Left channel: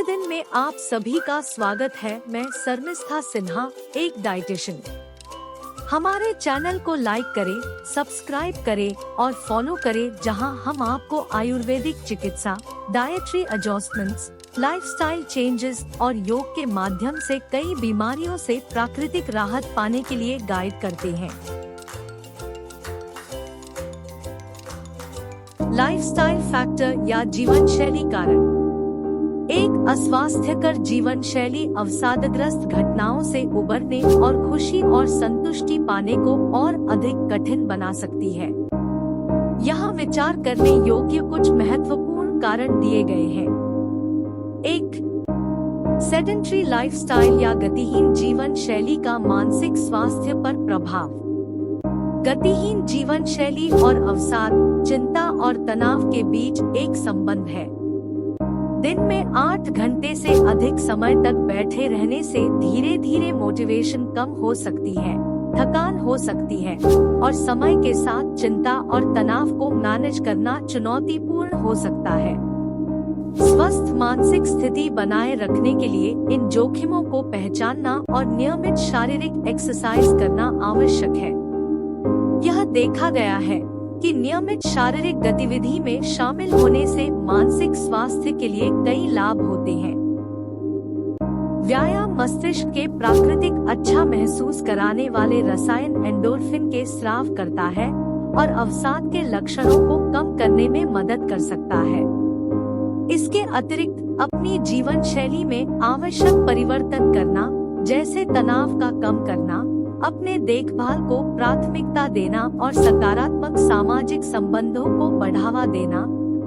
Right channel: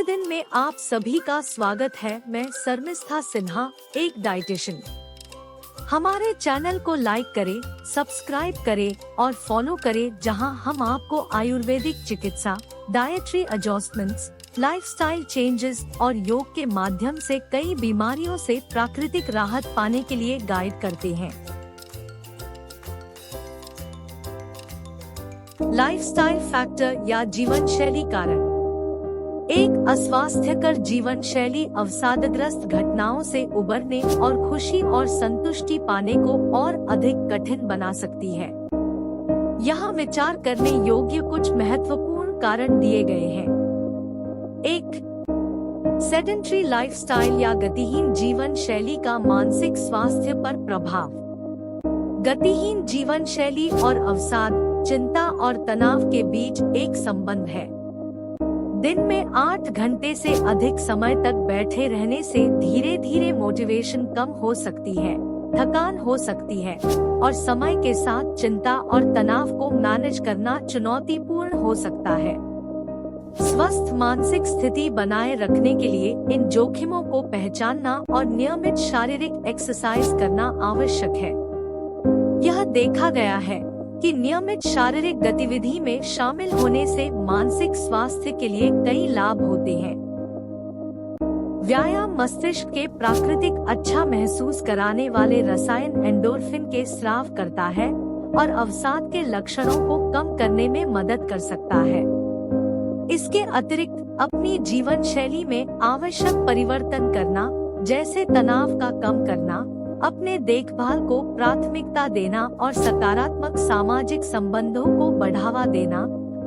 नमस्ते दिन में आप सभी का स्वागत है। मैं शर्मिष्ठा सिन्हा, एक डाइटिशियन। हमारे चैनल को लाइक करें, सब्सक्राइब करें और फॉलो करें, जहां हम आपको आयुर्वेदिक चिकित्सा, डाइटरी एडजस्टमेंट्स, लाइफस्टाइल चेंजेस और योग के माध्यम से कई बीमारियों से प्राकृतिक राहत पाने के लिए गाइड करते हैं। लाइफस्टाइल फैक्टर या जीवन शैली कारण। एक अस्वास्थ्यकर जीवन शैली अवसादग्रस्त घटनाओं से उबरने और खुशी और संतुष्टि पाने को और अधिक कठिन बना सकती है। यहाँ विचार करने योग्य कुछ महत्वपूर्ण कारण दिए गए हैं। 1. सेडेंटरी लाइफस्टाइल या गतिहीन जीवन शैली का मानसिक स्वास्थ्य पर प्रभाव। गतिहीन जीवन शैली और अवसाद, चिंता और तनाव के बीच एक संबंध है। दिन में 8 घंटे से अधिक समय तक बैठे रहने से धीरे धीरे मोटिवेशन कम हो सकती है, थकान हो सकती है और समय के साथ चिंता और तनाव को मैनेज करना चुनौतीपूर्ण हो सकता है। स्वस्थ मानसिक स्थिति बनाए रखने के लिए इन जोखिमों को पहचानना और नियमित शारीरिक एक्सरसाइज करना आवश्यक है। यह देखा गया है कि नियमित शारीरिक गतिविधि में शामिल होने से मानसिक स्वास्थ्य के लिए कई लाभ होते हैं। व्यायाम मस्तिष्क के प्राकृतिक अच्छा महसूस कराने वाले रसायन एंडोर्फिन के स्राव करता है और अवसाद के लक्षणों को कम करने में मदद कर सकता है। इसके अतिरिक्त अपनी जीवन शैली में आवश्यक परिवर्तन करना, जैसे तनाव का कम करना, अपने देखभाल को प्राथमिकता देना और सकारात्मक सामाजिक संबंधों को बढ़ावा देना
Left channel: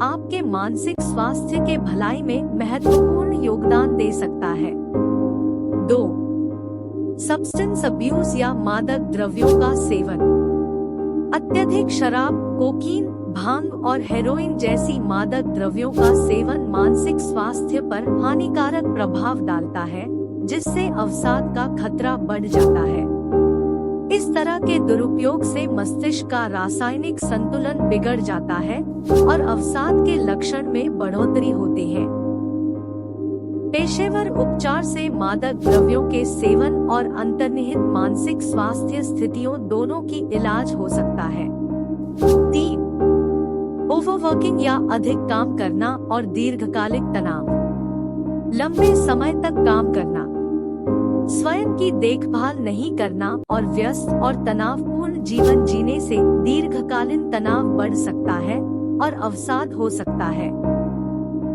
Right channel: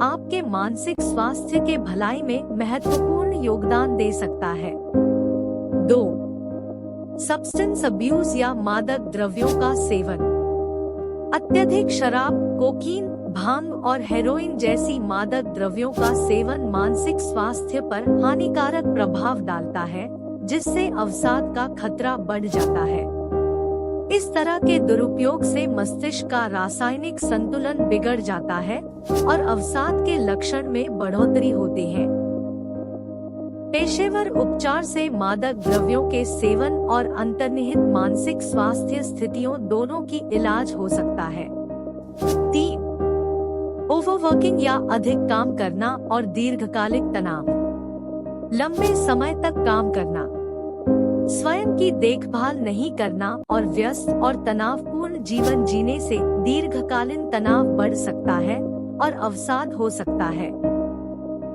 आपके मानसिक स्वास्थ्य के भलाई में महत्वपूर्ण योगदान दे सकता है। 2. सब्सटेंस अब्यूज या मादक द्रव्यों का सेवन। अत्यधिक शराब, कोकीन, भांग और हेरोइन जैसी मादक द्रव्यों का सेवन मानसिक स्वास्थ्य पर हानिकारक प्रभाव डालता है, जिससे अवसाद का खतरा बढ़ जाता है। इस तरह के दुरुपयोग से मस्तिष्क का रासायनिक संतुलन बिगड़ जाता है और अवसाद के लक्षण में बढ़ोतरी होते हैं। पेशेवर उपचार से मादक द्रव्यों के सेवन और अंतर्निहित मानसिक स्वास्थ्य स्थितियों दोनों की इलाज हो सकता है। 3. ओवरवर्किंग या अधिक काम करना और दीर्घकालिक तनाव। लंबे समय तक काम करना, स्वयं की देखभाल नहीं करना और व्यस्त और तनावपूर्ण जीवन जीने से दीर्घकालीन तनाव बढ़ सकता है और अवसाद हो सकता है।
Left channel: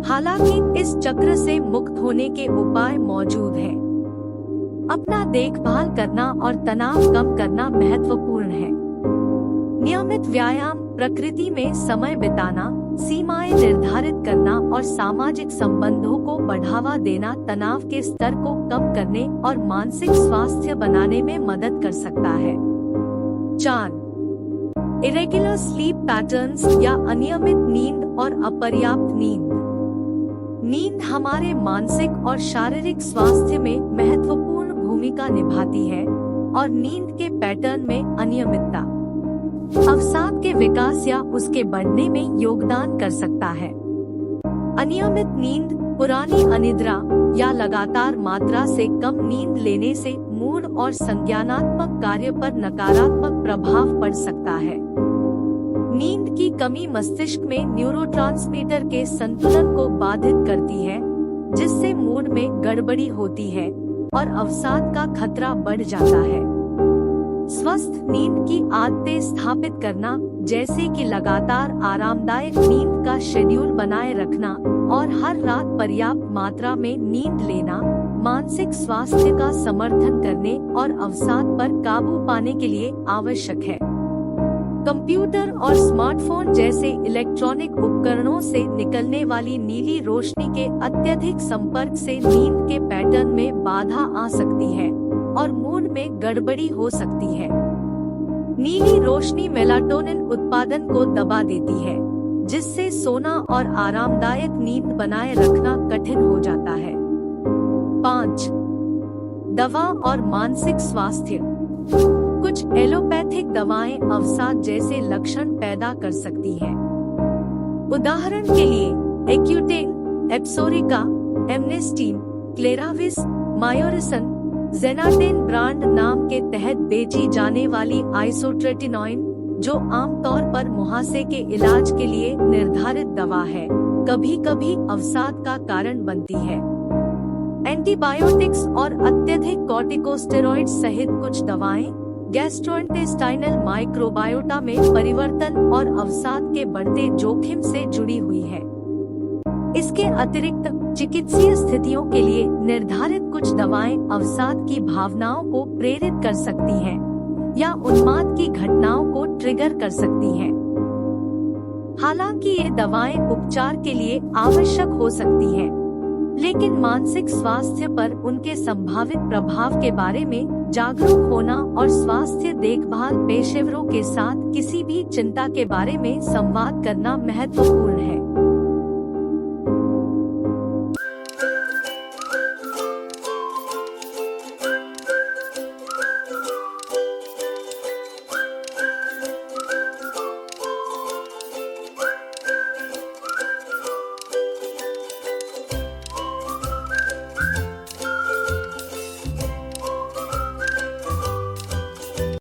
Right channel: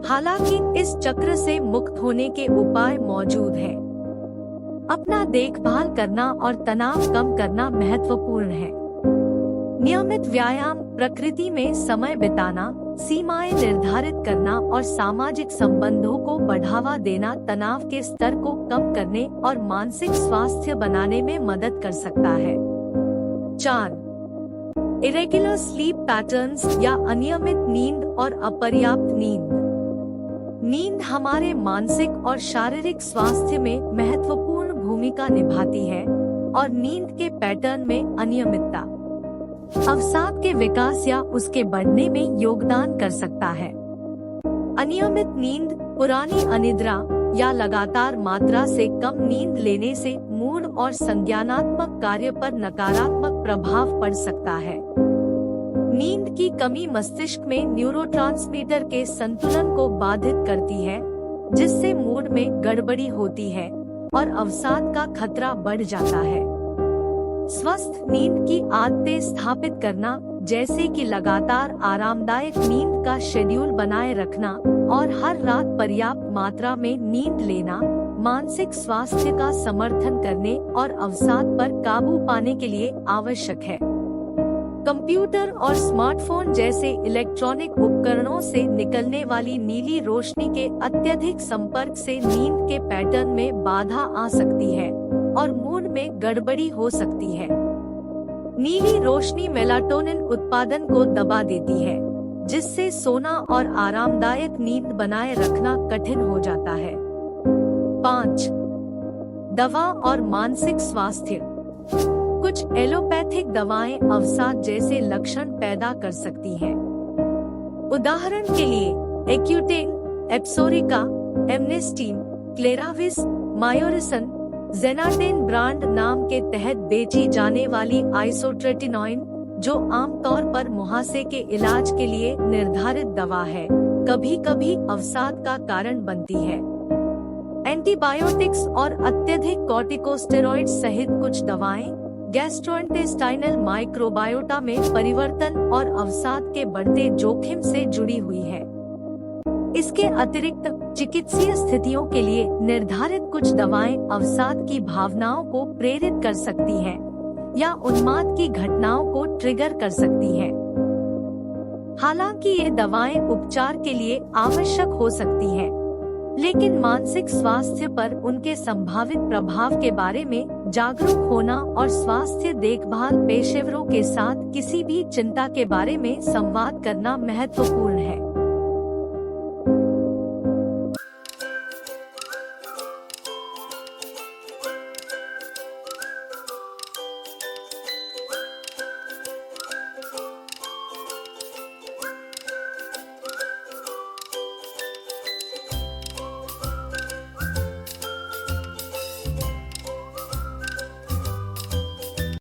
हालांकि इस चक्र से मुक्त होने के उपाय मौजूद हैं। अपना देखभाल करना और तनाव कम करना महत्वपूर्ण है। नियमित व्यायाम, प्रकृति में समय बिताना, सीमाएं निर्धारित करना और सामाजिक संबंधों को बढ़ावा देना तनाव के स्तर को कम करने और मानसिक स्वास्थ्य बनाने में मदद कर सकता है। 4. इरेगुलर स्लीप पैटर्न्स या अनियमित नींद और अपर्याप्त नींद। नींद हमारे मानसिक और शारीरिक स्वास्थ्य में महत्वपूर्ण भूमिका निभाती है और नींद के पैटर्न में अनियमितता अवसाद के विकास या उसके बढ़ने में योगदान कर सकता है। अनियमित नींद, पुरानी अनिद्रा या लगातार मात्रा से कम नींद लेने से मूड और संज्ञानात्मक कार्य पर नकारात्मक प्रभाव पड़ सकता है। नींद की कमी मस्तिष्क में न्यूरोट्रांसमीटर के संतुलन को बाधित करती है, जिससे मूड में गड़बड़ी होती है और अवसाद का खतरा बढ़ जाता है। स्वस्थ नींद की आदतें स्थापित करना, जैसे कि लगातार आरामदायक नींद का शेड्यूल बनाए रखना और हर रात पर्याप्त मात्रा में नींद लेना, मानसिक स्वास्थ्य का समर्थन करने और अवसाद पर काबू पाने के लिए आवश्यक है। कंप्यूटर और स्मार्टफोन जैसे इलेक्ट्रॉनिक उपकरणों से निकलने वाली नीली रोशनी के अत्यधिक संपर्क से नींद के पैटर्न में बाधा आ सकती है और मूड में गड़बड़ी हो सकती है। नीली रोशनी मेलाटोनिन उत्पादन को दबा देती है, जिससे सोना और आरामदायक नींद बनाए रखना कठिन हो जाता है। 5. दवा और मानसिक स्वास्थ्य। कुछ एलोपैथिक दवाएं अवसाद जैसे लक्षण पैदा कर सकती हैं। उदाहरण के लिए एक्यूटेन, एप्सोरिका, एमनेस्टीन, क्लेराविस, मायोरिसन, जेनाटेन ब्रांड नाम के तहत बेची जाने वाली आइसोट्रेटिनोइन, जो आमतौर पर मुहासे के इलाज के लिए निर्धारित दवा है, कभी कभी अवसाद का कारण बनती है। एंटीबायोटिक्स और अत्यधिक कॉर्टिकोस्टेरॉइड्स सहित कुछ दवाएं गैस्ट्रोइंटेस्टाइनल माइक्रोबायोटा में परिवर्तन और अवसाद के बढ़ते जोखिम से जुड़ी हुई है। इसके अतिरिक्त चिकित्सीय स्थितियों के लिए निर्धारित कुछ दवाएं अवसाद की भावनाओं को प्रेरित कर सकती हैं या उन्माद की घटनाओं को ट्रिगर कर सकती हैं। हालांकि ये दवाएं उपचार के लिए आवश्यक हो सकती हैं, लेकिन मानसिक स्वास्थ्य पर उनके संभावित प्रभाव के बारे में जागरूक होना और स्वास्थ्य देखभाल पेशेवरों के साथ किसी भी चिंता के बारे में संवाद करना महत्वपूर्ण है।